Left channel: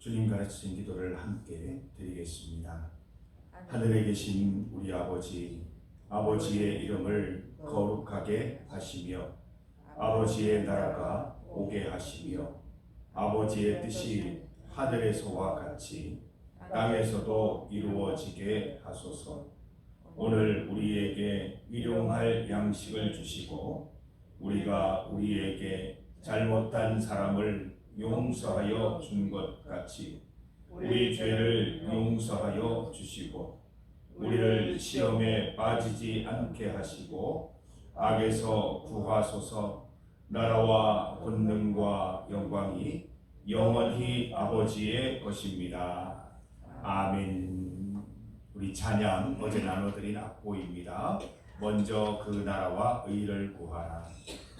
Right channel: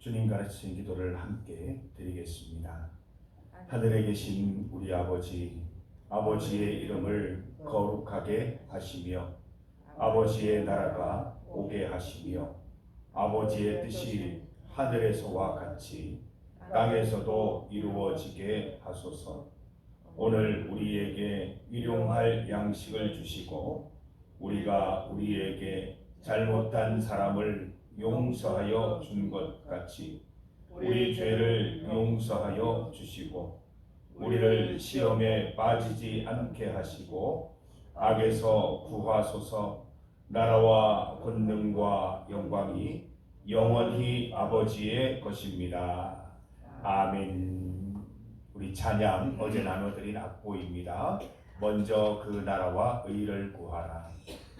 주님 가르치신 기도를 함께 드리겠습니다. 하늘에 계신 우리 아버지, 아버지의 이름을 거룩하게 하시며 아버지의 나라가 오게 하시며 아버지의 뜻이 하늘에서와 같이 땅에서도 이루어지게 하소서. 오늘 우리에게 일용할 양식을 주시고 우리가 우리에게 잘못한 사람을 용서하여 준 것 같이 우리 죄를 용서하여 주시고 우리를 시험에 빠지지 않게 하시고 악에서 구하소서. 나라와 권능과 영광이 영원히 아버지의 것입니다. 아멘. 우리 찬양 어제 나눠드린 악보입니다. 먼저 그 나라와 의를 구하라.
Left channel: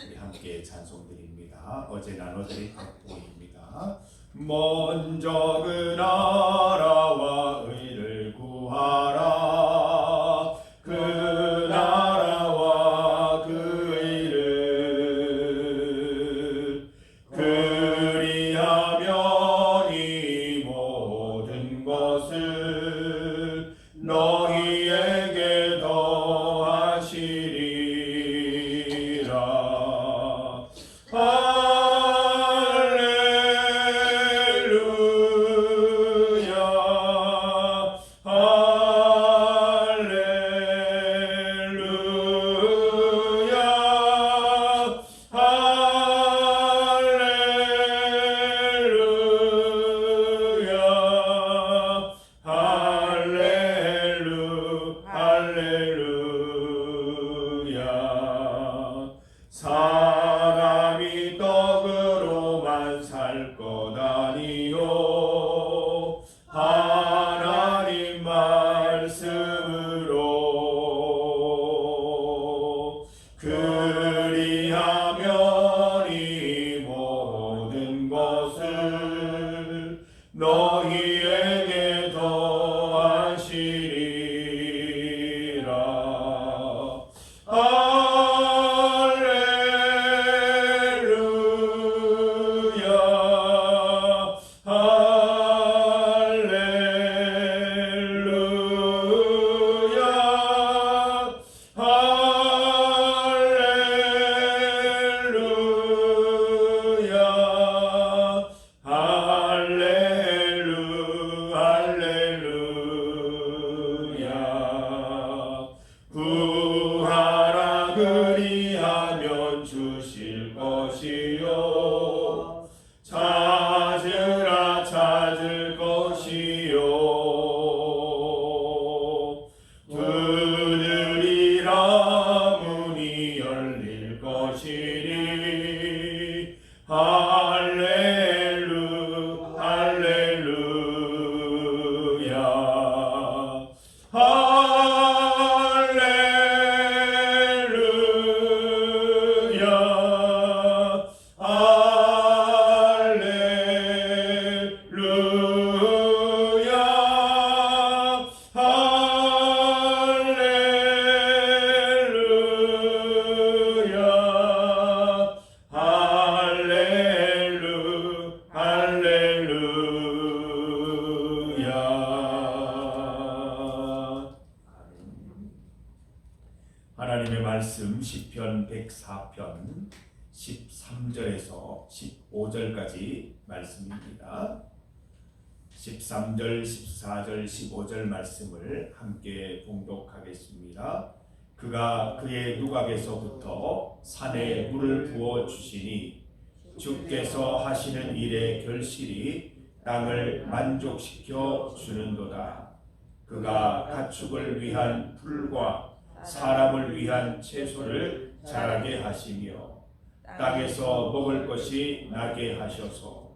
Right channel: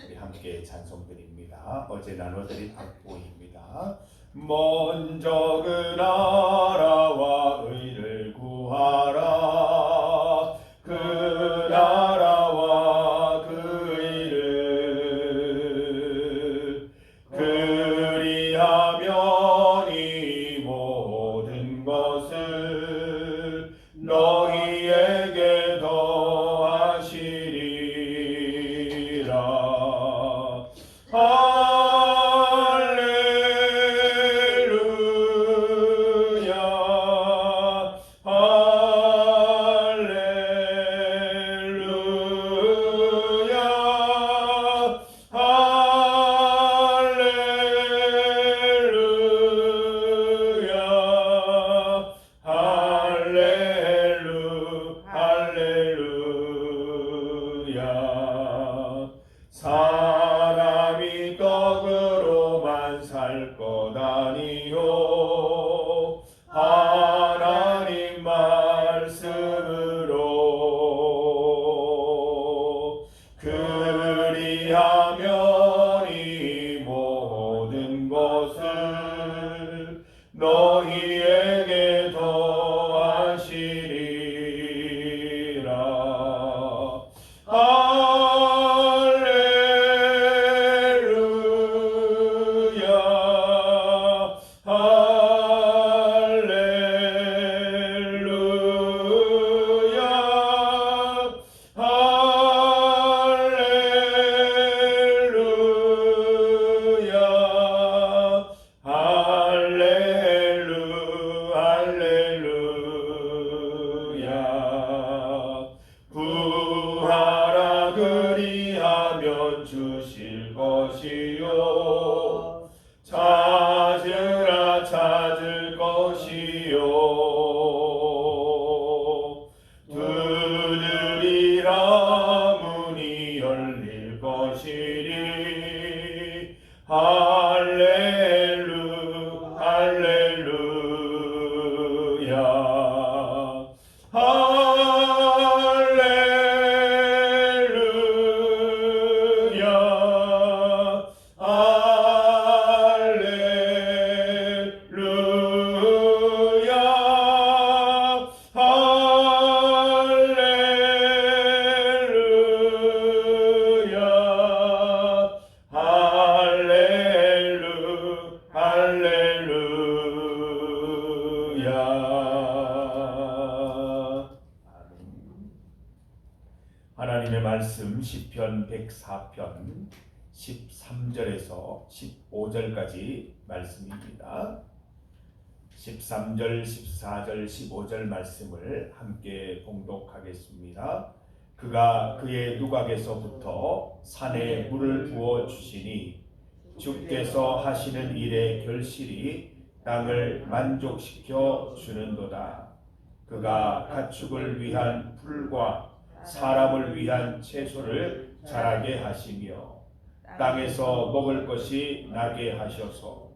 우리 함께 찬송드립니다. 어제 나눠드린 악보입니다. 먼저 그 나라와 의를 구하라. 그 나라와 그 의를 그리하면 이 모든 것을 너희에게 더하시리라. 사람이 떡으로만 살 것 아니요 하나님 말씀으로 그리하면 이 모든 것을 너희에게 더하시리라. 구하라 그리하면 주실 것이요 찾으라 찾을 것이요 두드리라 문이 열릴 것이니 할렐루야. 하나님의 말씀 시편 104편 13절에서 15절까지 말씀입니다. 13절, 14절, 15절 말씀을 함께 봉독하겠습니다. 그가 그의 누각에서부터 산에 물을 부어 주시니 주께서 하시는 일의 결실이 땅을 만족시켜 주는도다. 그가 가축을 위한 풀과 사람을 위한 채소를 자라게 하시며 땅에서 먹을 것이 나게 하셔서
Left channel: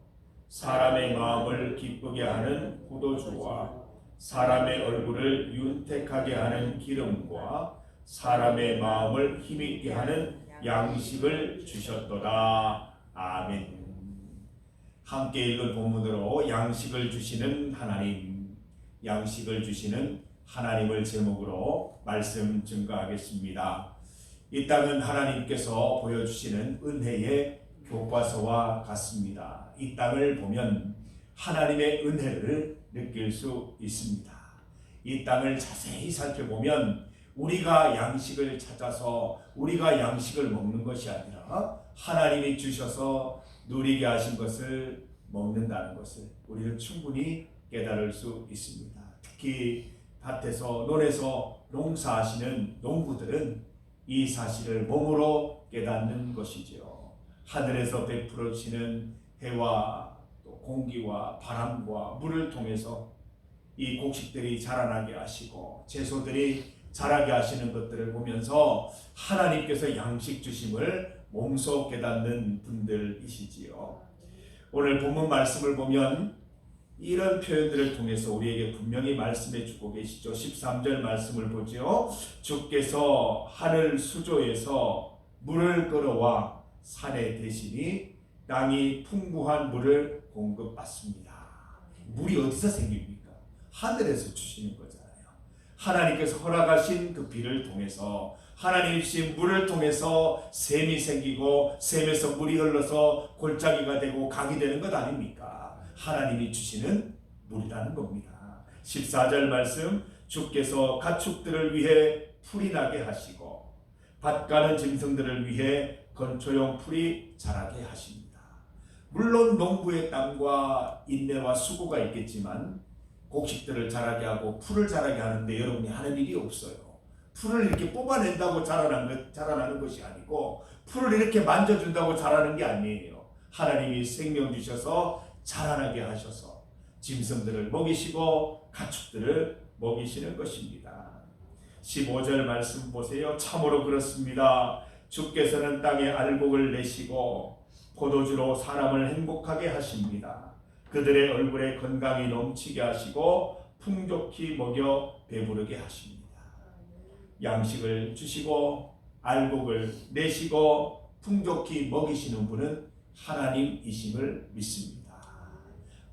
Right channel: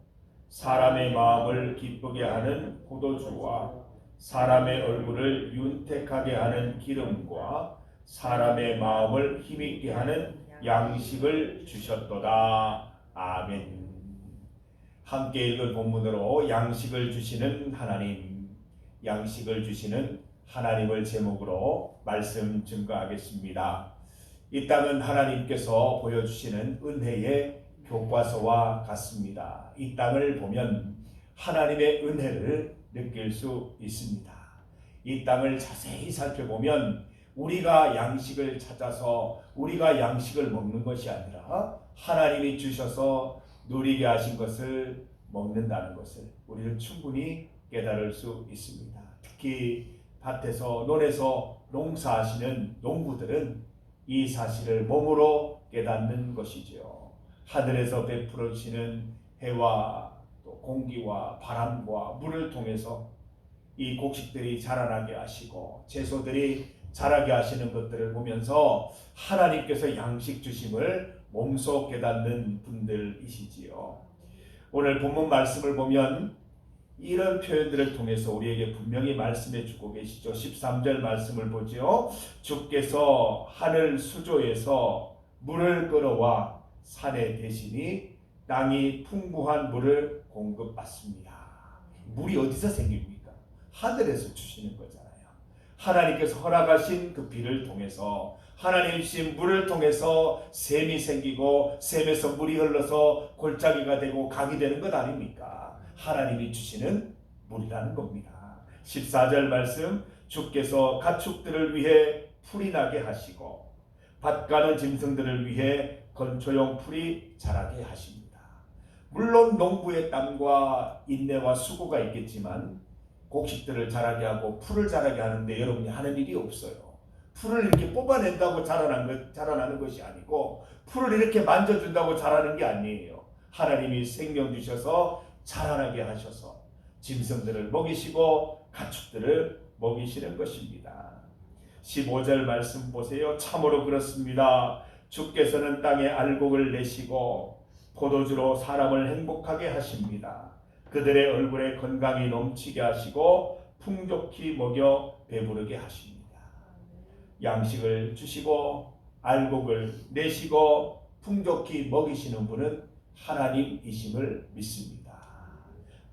사람의 마음을 기쁘게 하는 포도주와 사람의 얼굴을 윤택하게 하는 기름과 사람의 마음을 힘있게 하는 양식을 주셨도다. 아멘. 함께 읽을 본문으로 양식을 주시는 하나님, 양식을 주시는 하나님을 제목으로 말씀 증거하겠습니다. 이 땅은 하나님께서 보여주시는 은혜의 교과서와 같습니다. 이 땅을 보면 하나님의 은혜를 느낄 수 있습니다. 이 땅을 자세히 살펴보면 우리가 양식을 찾아서 우리가 양식을 먹는 것이 아니라 하나님이 주셔서 누리게 하신 것을 먹는다는 것을 우리는 충분히 깨달을 수 있습니다. 특히 밭에서 논에서 농사하시는 농부들은 이 사실을 몸으로 깨닫는 것이지요. 하늘에서 베풀어지는 해와 또 공기와 바람과 물을 통해서 이 곡식들이 자라나게 하시고 채소들이 자라게 하시는 것들을 보면서 하나님께서 양식 주심을 몸소 깨닫는 분들이시지요. 오늘 본문 말씀을 보면 이런 표현들을 통해서 우리에게 분명히 말씀해 주고 계시죠. 13절 말씀을 보죠. 주께서 하늘 수조에서 물을 끌어와 산에 대시니 땅이 풍부한 물을 공급받습니다. 물이 어디서 생깁니까? 하늘에서 주시는 거잖아요. 하나님께서 허락하신 그 비를 통해서 하나님 주신 물을 통해서 샘이 생기고 샘에서 물이 흘러서 골짜기가 되고 강이 되는 것 아닙니까? 하나님이 주시는 물이라는 겁니다. 14절 말씀, 주께서 가축들을 위해 풀이 나게 하시고 밭 가는 짐승들을 위해 건초용 풀이 자라게 하십니다. 물론 농부의 땀과 인내와 수고가 있겠지만 곡식들을 자라게 하고 풀을 자라게 하는데 여러분이 하는 일이 없어요. 풀을 이렇게 뽑아낸다고 자라나는 것이 아니고 풀을 이렇게 만져준다고 자라는 게 아니에요. 하나님이 생명 주셔서 자라나게 하셔서 짐승들을 먹이시고 가축들을 먹이시는 것입니다. 15절 말씀 보세요. 참으로 그렇습니다. 주께서는 땅에 알곡을 내시고 포도주로 사람을 행복하게 하십니다. 그들의 얼굴에 건강이 넘치게 하시고 풍족히 먹여 배부르게 하십니다. 양식을 주시고 알곡을 내시고 풍족히 먹이시는 분은 하나님이심을 믿습니다.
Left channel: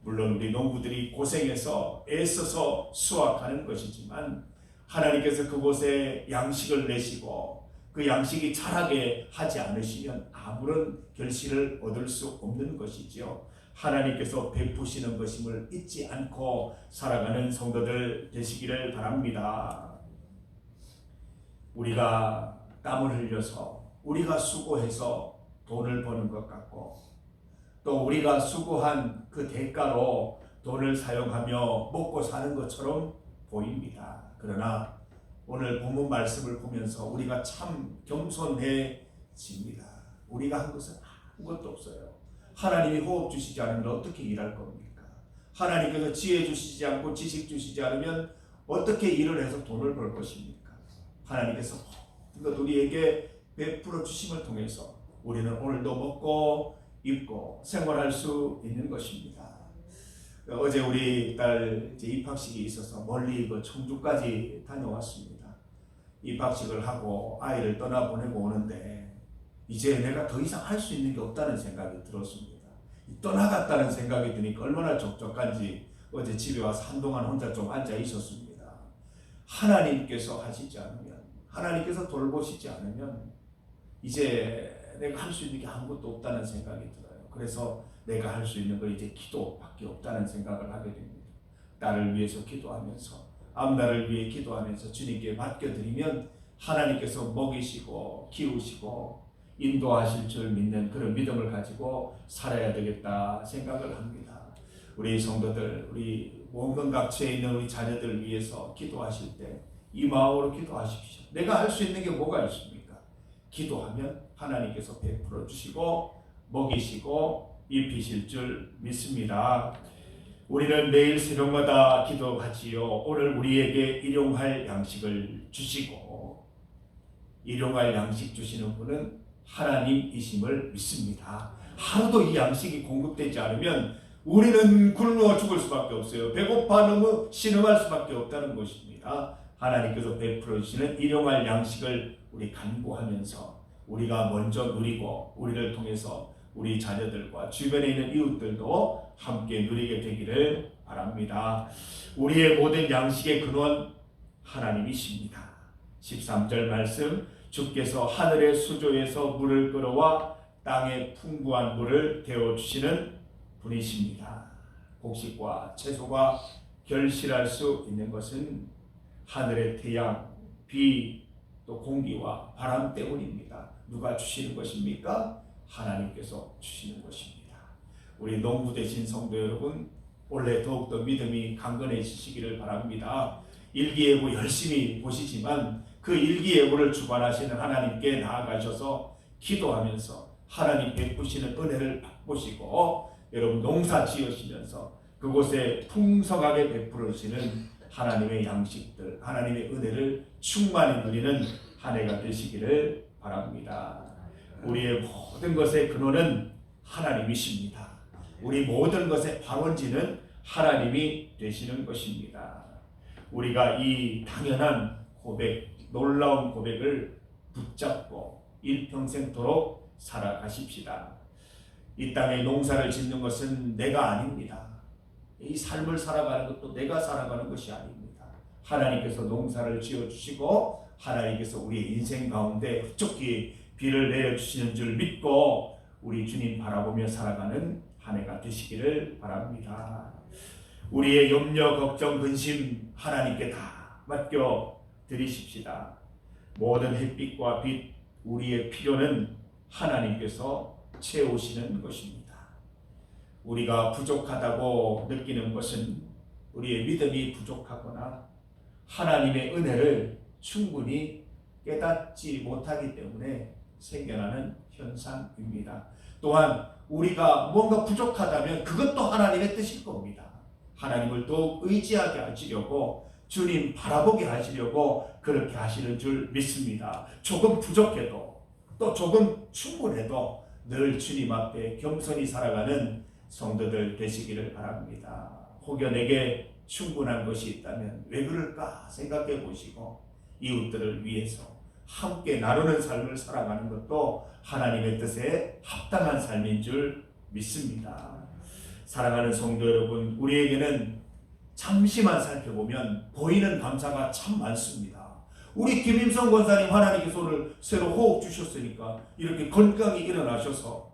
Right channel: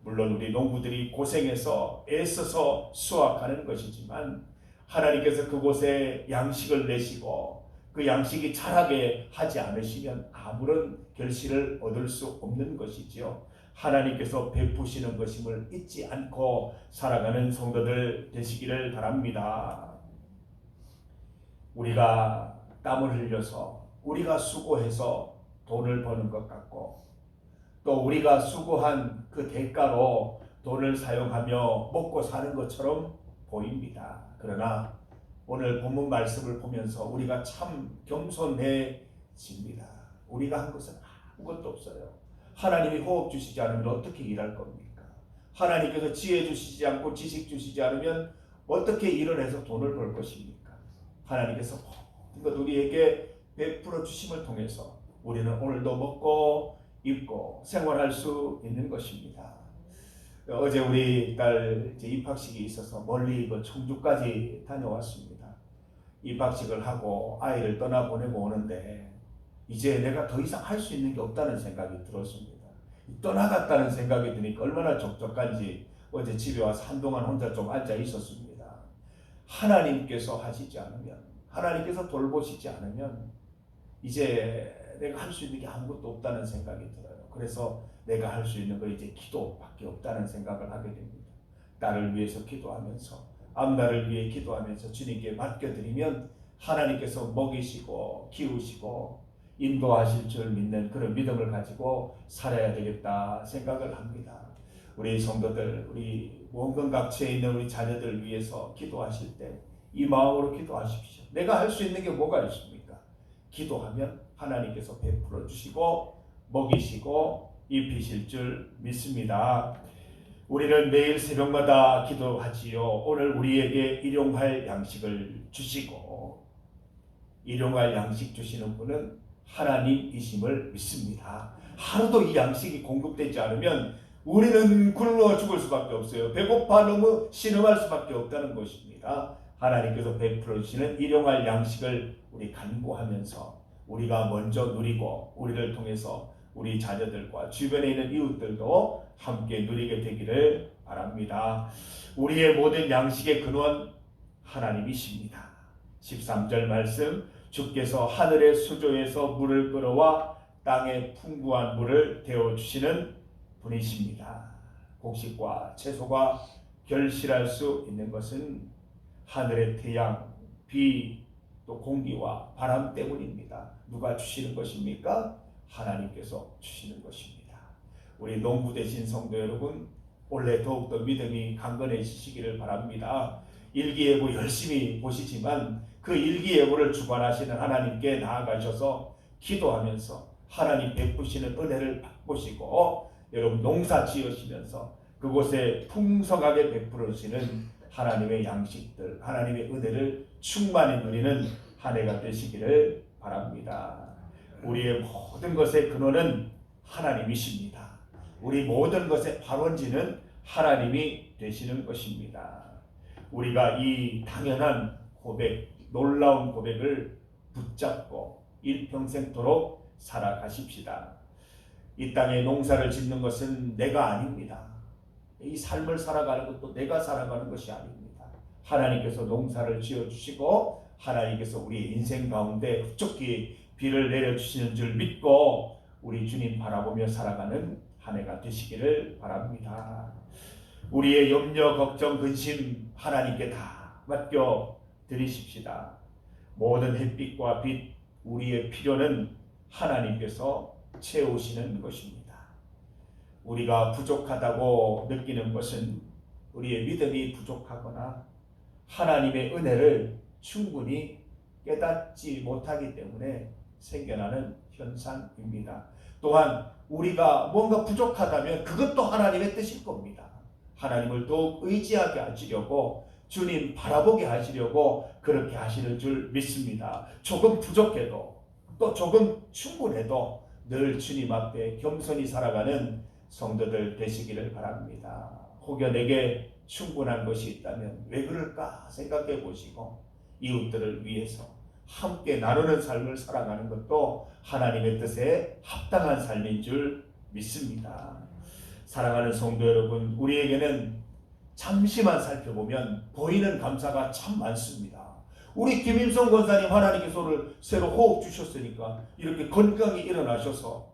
물론 우리 농부들이 고생해서 애써서 수확하는 것이지만 하나님께서 그곳에 양식을 내시고 그 양식이 자라게 하지 않으시면 아무런 결실을 얻을 수 없는 것이지요. 하나님께서 베푸시는 것임을 잊지 않고 살아가는 성도들 되시기를 바랍니다. 우리가 땀을 흘려서 우리가 수고해서 돈을 버는 것 같고 또 우리가 수고한 그 대가로 돈을 사용하며 먹고 사는 것처럼 보입니다. 그러나 오늘 본문 말씀을 보면서 우리가 참 겸손해집니다. 우리가 한 것은 아무것도 없어요. 하나님이 호흡 주시지 않으면 어떻게 일할 겁니까? 하나님께서 지혜 주시지 않고 지식 주시지 않으면 어떻게 일을 해서 돈을 벌 것입니까? 하나님께서 모든 것 우리에게 베풀어 주심을 통해서 우리는 오늘도 먹고 입고 생활할 수 있는 것입니다. 어제 우리 딸 입학식이 있어서 멀리 청주까지 다녀왔습니다. 입학식을 하고 아이를 떠나보내고 오는데 이제 내가 더 이상 할 수 있는 게 없다는 생각이 들었습니다. 떠나갔다는 생각이 드니까 얼마나 적적한지 어제 집에 와서 한동안 혼자 좀 앉아 있었습니다. 하나님께서 하시지 않으면, 하나님께서 돌보시지 않으면 이제 내가 할 수 있는 게 아무것도 없다는 생각이 들어요. 그래서 내가 할 수 있는 건 이제 기도밖에 없다는 생각을 하게 됩니다. 딸을 위해서 기도하면서 앞날을 위해 기도하면서 주님께 맡겨드리면 하나님께서 먹이시고 키우시고 인도하실 줄 믿는 그런 믿음을 가지고 살아야 되겠다 생각을 합니다. 우리 성도들, 우리 원근각처에 있는 우리 자녀들을 위해서 기도하실 때 이 마음으로 기도하십시오. 내가 할 수 있는 게 뭐가 있습니까? 기도하면 하나님께서 베풀어 주시고 먹이시고 입히실 줄 믿습니다. 우리는 매일 새벽마다 기도하지요. 오늘 우리에게 일용할 양식을 주시고 일용할 양식 주시는 분은 하나님이심을 믿습니다. 하루도 이 양식이 공급되지 않으면 우리는 굶어 죽을 수밖에 없어요. 배고파 너무 신음할 수밖에 없다는 것입니다. 하나님께서 베풀어 주시는 일용할 양식을 우리 간구하면서 우리가 먼저 누리고 우리를 통해서 우리 자녀들과 주변에 있는 이웃들도 함께 누리게 되기를 바랍니다. 우리의 모든 양식의 근원 하나님이십니다. 13절 말씀, 주께서 하늘의 수조에서 물을 끌어와 땅에 풍부한 물을 데워주시는 분이십니다. 곡식과 채소가 결실할 수 있는 것은 하늘의 태양, 비, 또 공기와 바람 때문입니다. 누가 주시는 것입니까? 하나님께서 주시는 것입니다. 우리 농부 되신 성도 여러분, 올해 더욱더 믿음이 강건해지시기를 바랍니다. 일기예보 열심히 보시지만 그 일기예보를 주관하시는 하나님께 나아가셔서 기도하면서 하나님 베푸시는 은혜를 맛보시고 여러분 농사 지으시면서 그곳에 풍성하게 베풀으시는 하나님의 양식들, 하나님의 은혜를 충만히 누리는 한 해가 되시기를 바랍니다. 우리의 모든 것의 근원은 하나님이십니다. 우리 모든 것의 발원지는 하나님이 되시는 것입니다. 우리가 이 당연한 고백, 놀라운 고백을 붙잡고 일평생토록 살아가십시다. 이 땅에 농사를 짓는 것은 내가 아닙니다. 이 삶을 살아가는 것도 내가 살아가는 것이 아닙니다. 하나님께서 농사를 지어주시고 하나님께서 우리 인생 가운데 흡족히 비를 내려주시는 줄 믿고 우리 주님 바라보며 살아가는 한 해가 되시기를 바랍니다. 우리의 염려, 걱정, 근심 하나님께 다 맡겨 드리십시다. 모든 햇빛과 빛, 우리의 필요는 하나님께서 채우시는 것입니다. 우리가 부족하다고 느끼는 것은 우리의 믿음이 부족하거나 하나님의 은혜를 충분히 깨닫지 못하기 때문에 생겨나는 현상입니다. 또한 우리가 뭔가 부족하다면 그것도 하나님의 뜻일 겁니다. 하나님을 더욱 의지하게 하시려고 주님 바라보게 하시려고 그렇게 하시는 줄 믿습니다. 조금 부족해도 또 조금 충분해도 늘 주님 앞에 겸손히 살아가는 성도들 되시기를 바랍니다. 혹여 내게 충분한 것이 있다면 왜 그럴까 생각해 보시고 이웃들을 위해서 함께 나누는 삶을 살아가는 것도 하나님의 뜻에 합당한 삶인 줄 믿습니다. 사랑하는 성도 여러분, 우리에게는 잠시만 살펴보면 보이는 감사가 참 많습니다. 우리 김임성 권사님 하나님께서 오늘 새로 호흡 주셨으니까 이렇게 건강히 일어나셔서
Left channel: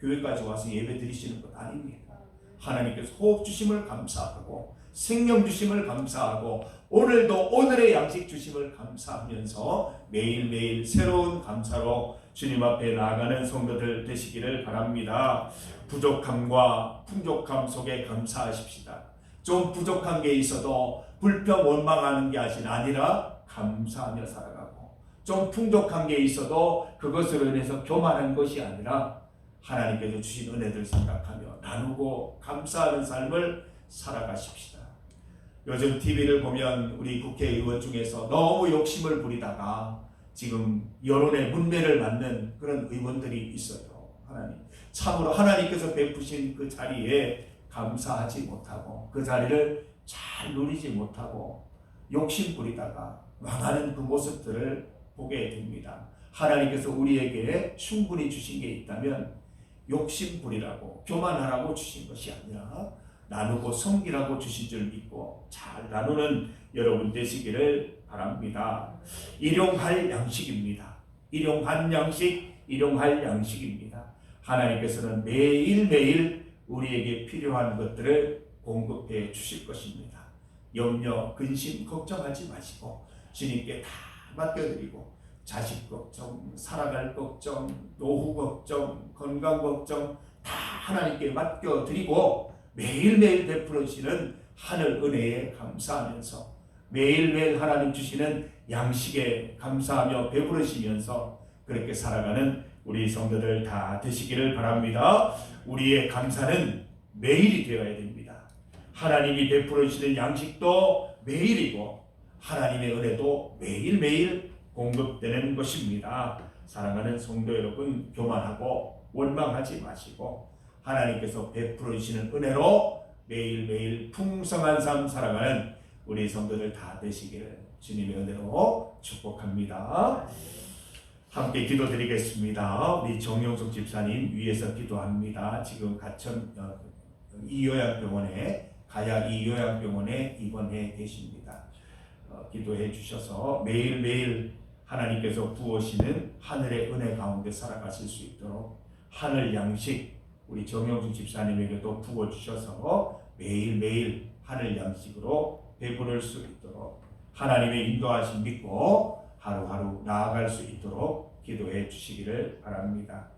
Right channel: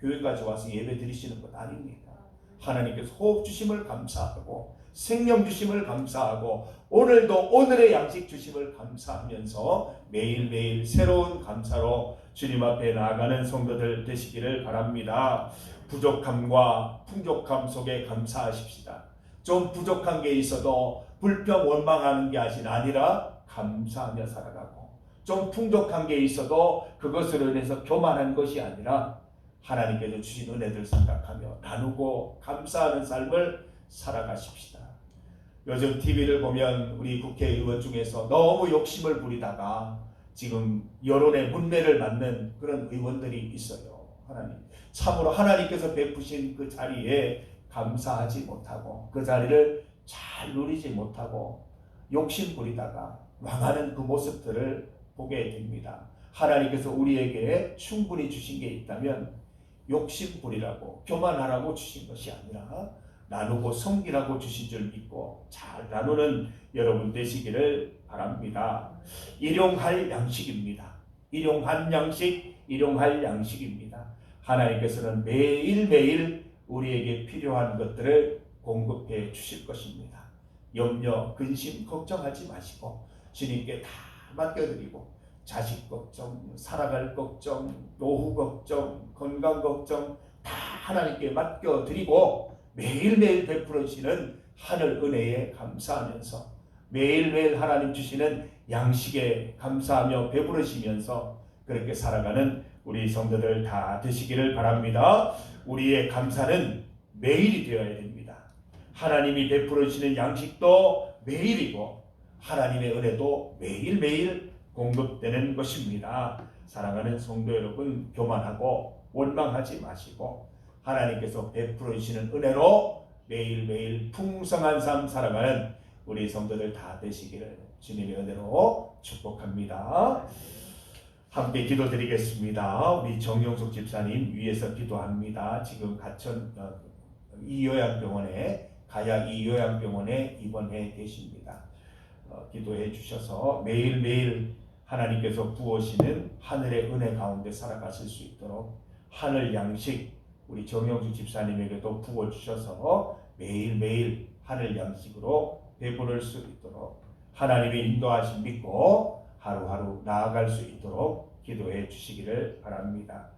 교회까지 와서 예배 드리시는 것 아닙니다. 하나님께서 호흡 주심을 감사하고 생명 주심을 감사하고 오늘도 오늘의 양식 주심을 감사하면서 매일매일 새로운 감사로 주님 앞에 나아가는 성도들 되시기를 바랍니다. 부족함과 풍족함 속에 감사하십시다. 좀 부족한 게 있어도 불평 원망하는 게 아니라 감사하며 살아가고 좀 풍족한 게 있어도 그것으로 인해서 교만한 것이 아니라 하나님께서 주신 은혜들 생각하며 나누고 감사하는 삶을 살아가십시다. 요즘 TV를 보면 우리 국회의원 중에서 너무 욕심을 부리다가 지금 여론의 문매를 맞는 그런 의원들이 있어요. 참으로 하나님께서 베푸신 그 자리에 감사하지 못하고 그 자리를 잘 누리지 못하고 욕심 부리다가 망하는 그 모습들을 보게 됩니다. 하나님께서 우리에게 충분히 주신 게 있다면 욕심 부리라고 교만하라고 주신 것이 아니라 나누고 섬기라고 주신 줄 믿고 잘 나누는 여러분 되시기를 바랍니다. 일용할 양식입니다. 일용할 양식입니다. 하나님께서는 매일매일 우리에게 필요한 것들을 공급해 주실 것입니다. 염려, 근심, 걱정하지 마시고 주님께 다 맡겨드리고 자식 걱정, 살아갈 걱정, 노후 걱정, 건강 걱정 다 하나님께 맡겨드리고 매일매일 베풀어주시는 하늘 은혜에 감사하면서 매일매일 하나님 주시는 양식에 감사하며 배부르시면서 그렇게 살아가는 우리 성도들 다 되시기를 바랍니다. 우리의 감사는 매일이 되어야 됩니다. 하나님이 베풀어주시는 양식도 매일이고 하나님의 은혜도 매일매일 공급되는 것입니다. 사랑하는 성도 여러분, 교만하고 원망하지 마시고 하나님께서 베풀어 주시는 은혜로 매일매일 풍성한 삶 살아가는 우리 성도들 다 되시기를 주님의 은혜로 축복합니다. 함께 기도드리겠습니다. 우리 정용숙 집사님 위에서 기도합니다. 지금 가천 이요양병원에 가야 이요양병원에 입원해 계십니다. 기도해 주셔서 매일매일 하나님께서 부으시는 하늘의 은혜 가운데 살아가실 수 있도록 하늘 양식 우리 정영숙 집사님에게도 부어주셔서 매일매일 하늘 양식으로 배부를 수 있도록 하나님의 인도하심 믿고 하루하루 나아갈 수 있도록 기도해 주시기를 바랍니다.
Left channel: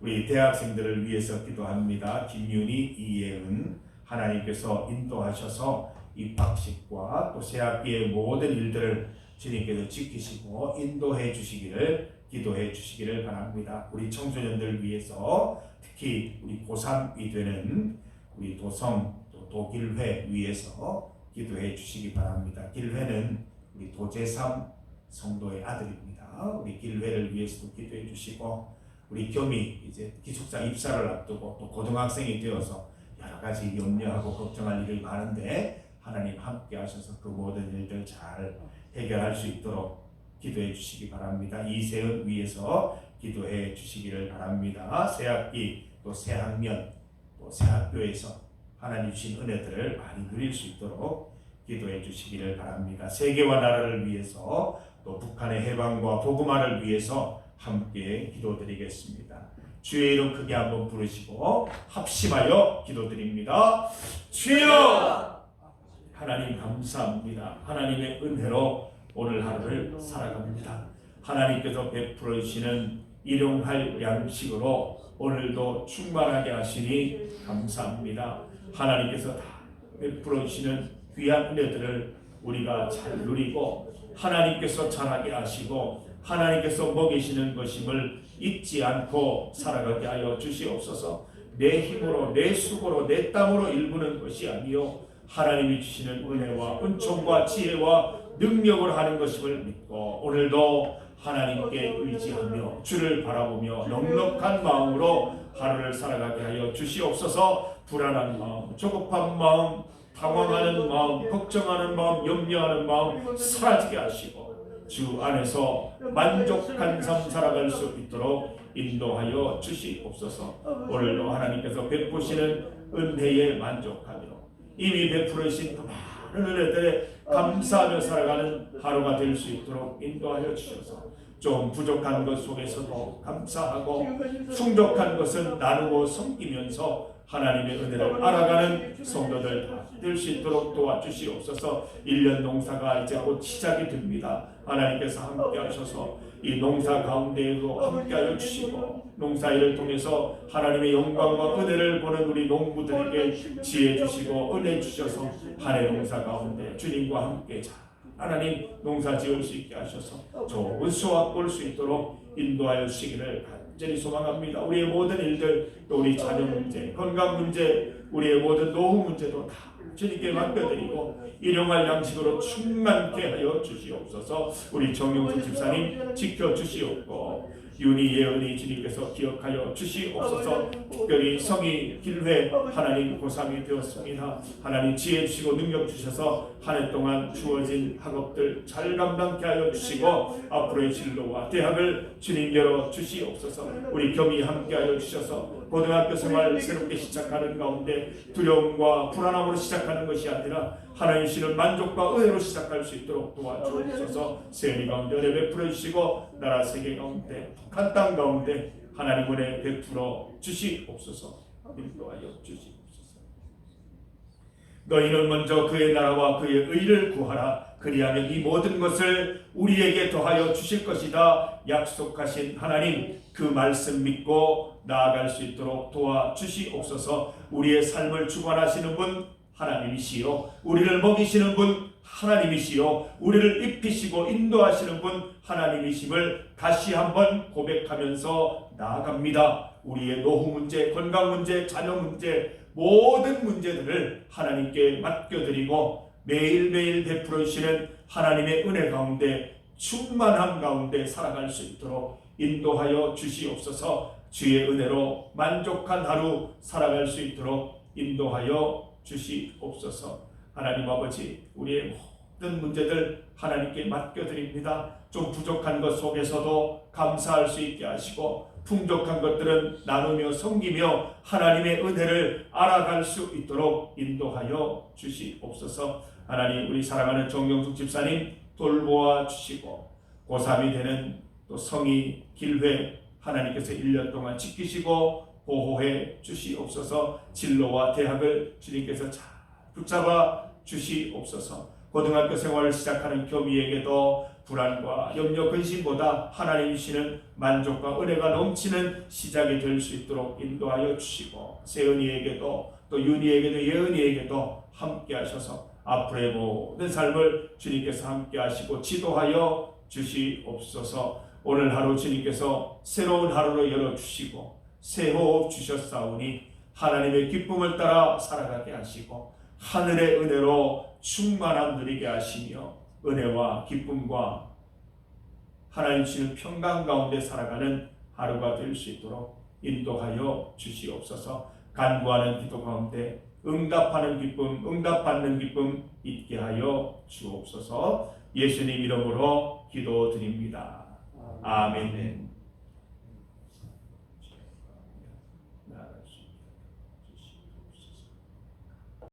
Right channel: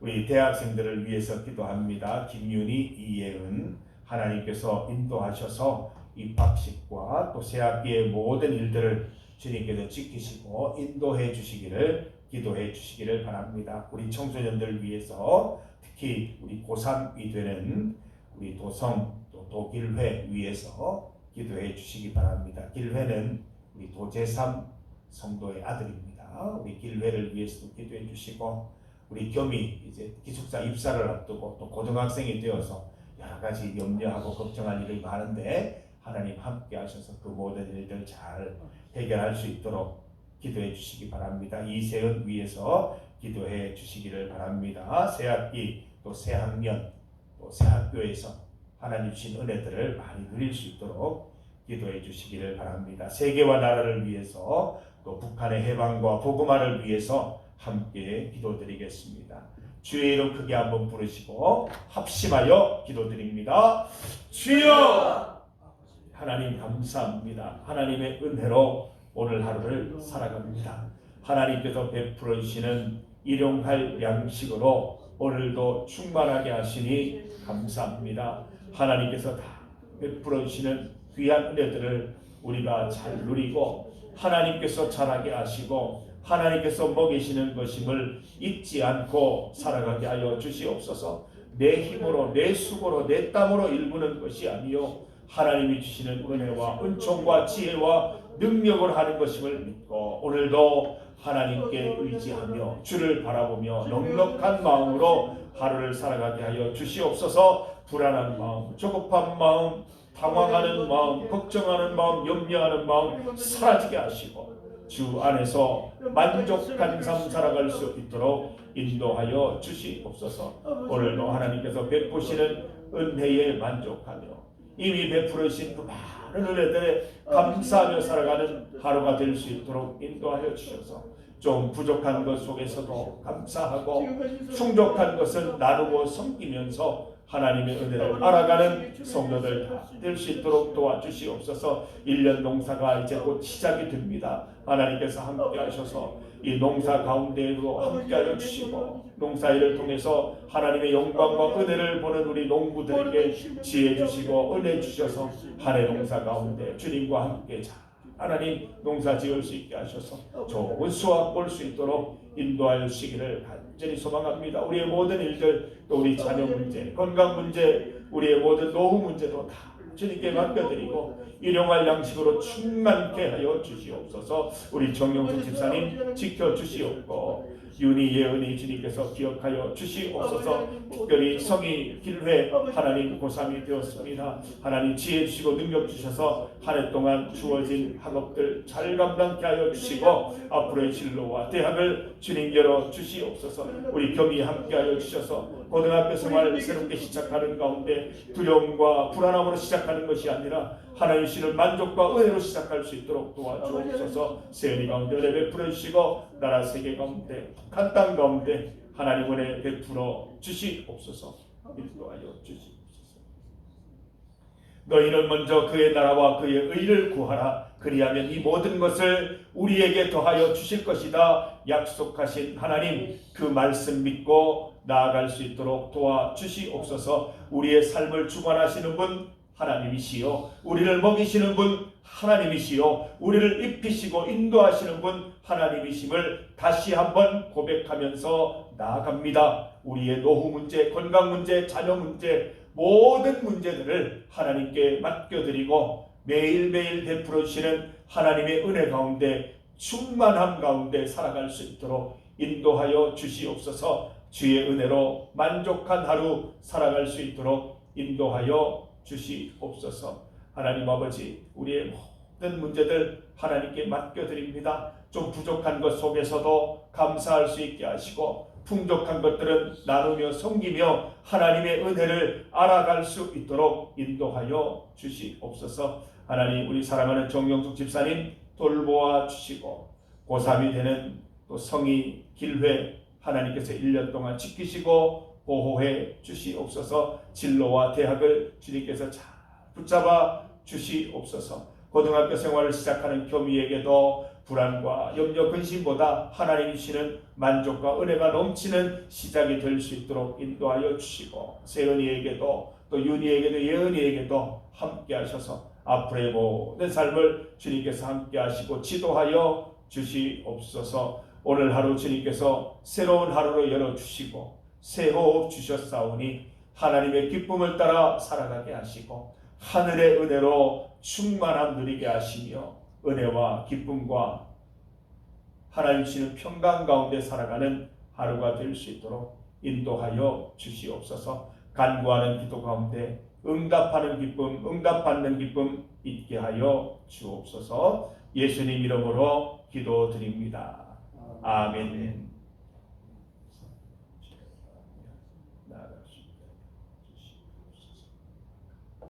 우리 대학생들을 위해서 기도합니다. 김윤희, 이예은, 하나님께서 인도하셔서 입학식과 또 새학기의 모든 일들을 주님께서 지키시고 인도해 주시기를 기도해 주시기를 바랍니다. 우리 청소년들 위해서 특히 우리 고3이 되는 우리 도성 또 도길회 위해서 기도해 주시기 바랍니다. 길회는 우리 도재삼 성도의 아들입니다. 우리 길회를 위해서도 기도해 주시고 우리 겸이 이제 기숙사 입사를 앞두고 또 고등학생이 되어서 여러 가지 염려하고 걱정할 일이 많은데 하나님 함께 하셔서 그 모든 일들 잘 해결할 수 있도록 기도해 주시기 바랍니다. 이세은 위해서 기도해 주시기를 바랍니다. 새학기 또 새학년 또 새학교에서 하나님 주신 은혜들을 많이 누릴 수 있도록 기도해 주시기를 바랍니다. 세계와 나라를 위해서 또 북한의 해방과 복음화를 위해서 함께 기도드리겠습니다. 주의 이름 크게 한번 부르시고 합심하여 기도드립니다. 주여! 하나님 감사합니다. 하나님의 은혜로 오늘 하루를 살아갑니다. 하나님께서 베풀어 주시는 일용할 양식으로 오늘도 충만하게 하시니 감사합니다. 하나님께서 다 베풀어 주시는 귀한 은혜들을 우리가 잘 누리고 하나님께서 잘하게 하시고 하나님께서 먹이시는 것임을 잊지 않고 살아가게 하여 주시옵소서. 내 힘으로 내 수고로 내 땀으로 일구는 것이 아니요 하나님이 주시는 은혜와 은총과 지혜와 능력으로 하는 것임을 믿고 오늘도 하나님께 의지하며 주를 바라보며 넉넉한 마음으로 하루를 살아가게 하여 주시옵소서. 불안한 마음, 조급한 마음, 당황하는 마음, 걱정하는 마음, 염려하는 마음 사라지게 하시고 주 안에서 만족한 삶 살아갈 수 있도록 인도하여 주시옵소서. 오늘도 하나님께서 베푸시는 은혜에 만족하며 이미 베풀으신 그 많은 은혜들에 감사하며 살아가는 하루가 될 수 있도록 인도하여 주셔서 좀 부족한 것 속에서도 감사하고 충족한 것은 나누고 섬기면서 하나님의 은혜를 알아가는 성도들 다 될 수 있도록 도와주시옵소서. 1년 농사가 이제 곧 시작이 됩니다. 하나님께서 함께 하셔서 이 농사 가운데에도 함께 하여 주시고 농사일을 통해서 하나님의 영광과 은혜를 보는 우리 농부들에게 지혜 주시고 은혜 주셔서 한 해 농사 가운데 주님과 함께 하나님 농사 지을 수 있게 하셔서 좋은 수확 볼 수 있도록 인도하여 주시기를 간절히 소망합니다. 우리의 모든 일들 또 우리 자녀 문제, 건강 문제, 우리의 모든 노후 문제도 다 주님께 맡겨드리고 일용할 양식으로 충만케 하여 주시옵소서. 우리 정영숙 집사님 지켜주시옵고 윤희 예은이 주님께서 기억하여 주시옵소서. 특별히 성희 길회 하나님 고3이 되었습니다. 하나님 지혜 주시고 능력 주셔서 한 해 동안 주어진 학업들 잘 감당케 하여 주시고 앞으로의 진로와 대학을 주님 열어 주시옵소서. 우리 겸이 함께 하여 주셔서 고등학교 생활 새롭게 시작하는 가운데 두려움과 불안함으로 시작하는 것이 아니라 하나님 주시는 만족과 은혜로 시작할 수 있도록 도와주옵소서. 세연이 가운데 은혜 베풀어 주시고 나라 세계 가운데 북한 땅 가운데 하나님 은혜 베풀어 주시옵소서. 인도하여 주시옵소서. 너희는 먼저 그의 나라와 그의 의를 구하라. 그리하면 이 모든 것을 우리에게 더하여 주실 것이다. 약속하신 하나님 그 말씀 믿고 나아갈 수 있도록 도와주시옵소서. 우리의 삶을 주관하시는 분 하나님이시요 우리를 먹이시는 분 하나님이시요 우리를 입히시고 인도하시는 분 하나님이심을 다시 한번 고백하면서 나아갑니다. 우리의 노후 문제, 건강 문제, 자녀 문제 모든 문제들을 하나님께 맡겨드리고 매일매일 베풀어 주시는 하나님의 은혜 가운데 충만함 가운데 살아갈 수 있도록 인도하여 주시옵소서. 주의 은혜로 만족한 하루 살아갈 수 있도록 인도하여 주시옵소서. 하나님 아버지 우리의 모든 문제들 하나님께 맡겨드립니다. 좀 부족한 것 속에서도 감사할 수 있게 하시고 풍족한 것들은 나누며 섬기며 하나님의 은혜를 알아갈 수 있도록 인도하여 주시옵소서. 하나님 우리 사랑하는 정영숙 집사님 돌보아 주시고 고3이 되는 또 성희 길회 하나님께서 1년 동안 지키시고 보호해 주시옵소서. 진로와 대학을 주님께서 잘 붙잡아 주시옵소서. 고등학교 생활을 시작하는 교미에게도 불안과 염려 근심보다 하나님이 주시는 만족과 은혜가 넘치는 시작이 될 수 있도록 인도하여 주시고, 세은이에게도 또 윤희에게도 예은이에게도 함께 하셔서 앞으로의 모든 삶을 주님께서 함께 하시고 지도하여 주시옵소서. 오늘 하루 주님께서 새로운 하루로 열어주시고 새 호흡 주셨사오니 하나님의 기쁨을 따라 살아가게 하시고 하늘의 은혜로 충만함 누리게 하시며 은혜와 기쁨과 하나님 주시는 평강 가운데 살아가는 하루가 될 수 있도록 인도하여 주시옵소서. 간구하는 기도 가운데 응답하는 기쁨, 응답받는 기쁨 있게 하여 주옵소서. 예수님 이름으로 기도드립니다. 아멘.